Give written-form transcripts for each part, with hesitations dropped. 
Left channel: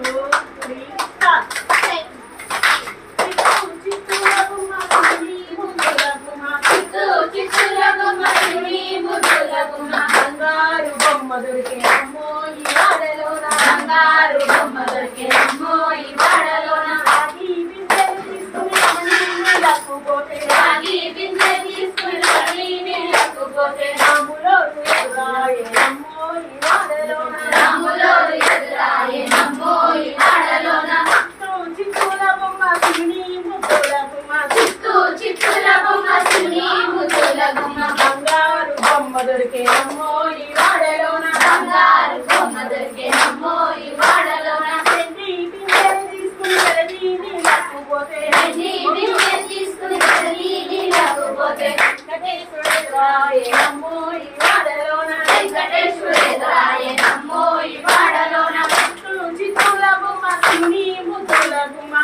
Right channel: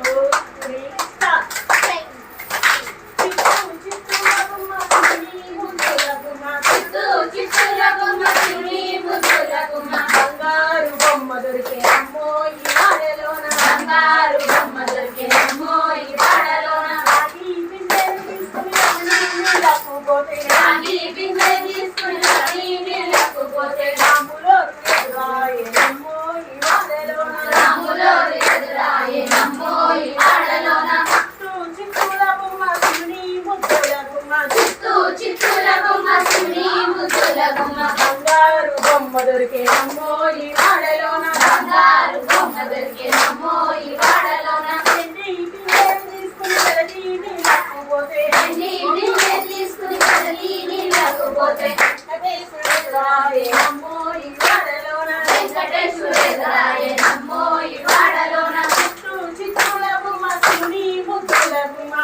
2, 3, start. Chittoor బొమ్మ శివుని ముద్దుల గుమ్మ చిత్తూర బొమ్మ శివుని ముద్దుల గుమ్మ బంగారు బొమ్మ దొరికే అమ్మో ఈ వాడలోన బంగారు బొమ్మ దొరికే అమ్మో ఈ వాడలోన రాగి బిందెలు తీసుకుని రమణి నీళ్ళకు పోతే రాగి బిందె తీసుకుని రమణి నీళ్ళకు పోతే రాములో ఎదురాయే అమ్మో ఈ వాడలోన రాములో ఎదురాయే అమ్మో ఈ వాడలోన చిత్తూర బొమ్మ శివుని ముద్దుల గుమ్మ చిత్తూర బొమ్మ శివుని ముద్దుల గుమ్మ బంగారు బొమ్మ దొరికే అమ్మో ఈ వాడలోన బంగారు బొమ్మ దొరికే అమ్మో ఈ వాడలోన వెండి బిందె తీసుకుని వెళ్లి నీళ్ళకు పోతే వెండి బిందె తీసుకుని వెళ్లి నీళ్ళకు పోతే వెంకటేశ్వరుడాయే అమ్మో ఈ వాడలోన వెంకటేశ్వరుడాయే అమ్మో ఈ వాడలోన చిత్తూర బొమ్మ శివుని ముద్దుల గుమ్మ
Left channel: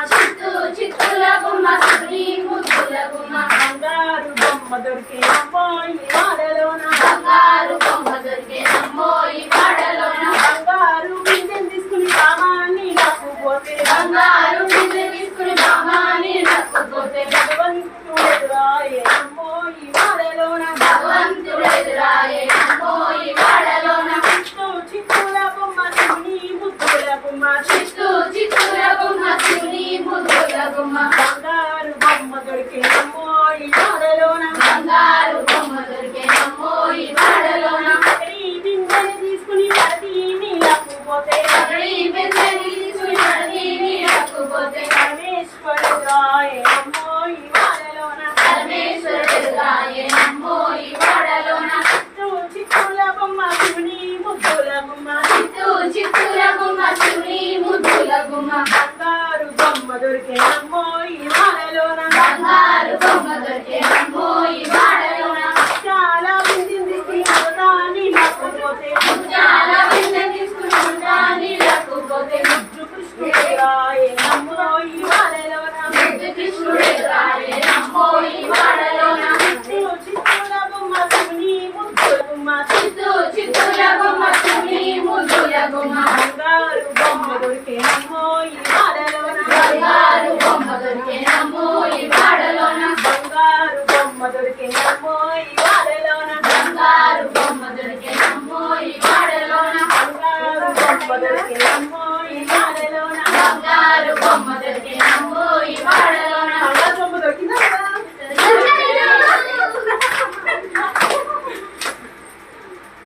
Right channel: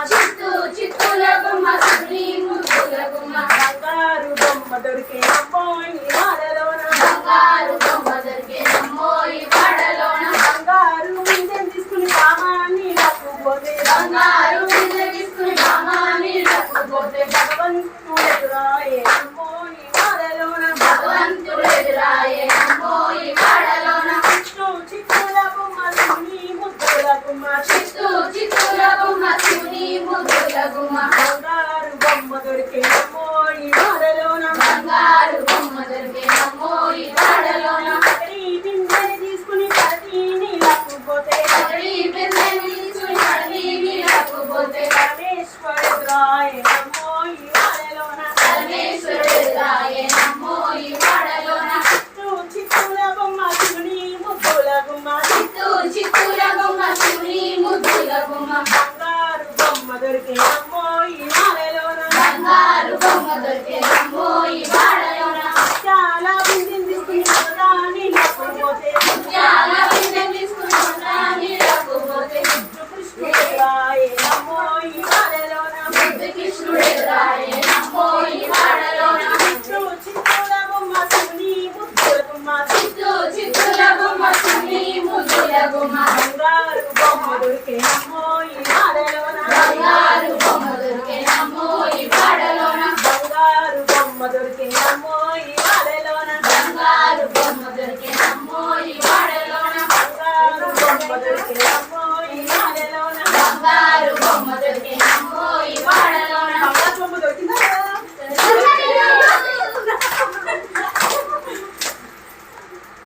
చిత్తూర బొమ్మ శివుని ముద్దుల గుమ్మ బంగారు బొమ్మ దొరికే అమ్మో ఈ వాడలోన బంగారు బొమ్మ దొరికే అమ్మో ఈ వాడలోన బంగారు బిందె తీసుకుని బామాని నక్కుపోతే బంగారు బిందె తీసుకుని బామాని నక్కుపోతే భగవంతుడు ఎదురాయే అమ్మో ఈ వాడలోన భగవంతుడు ఎదురాయే అమ్మో ఈ వాడలోన చిత్తూర బొమ్మ శివుని ముద్దుల గుమ్మ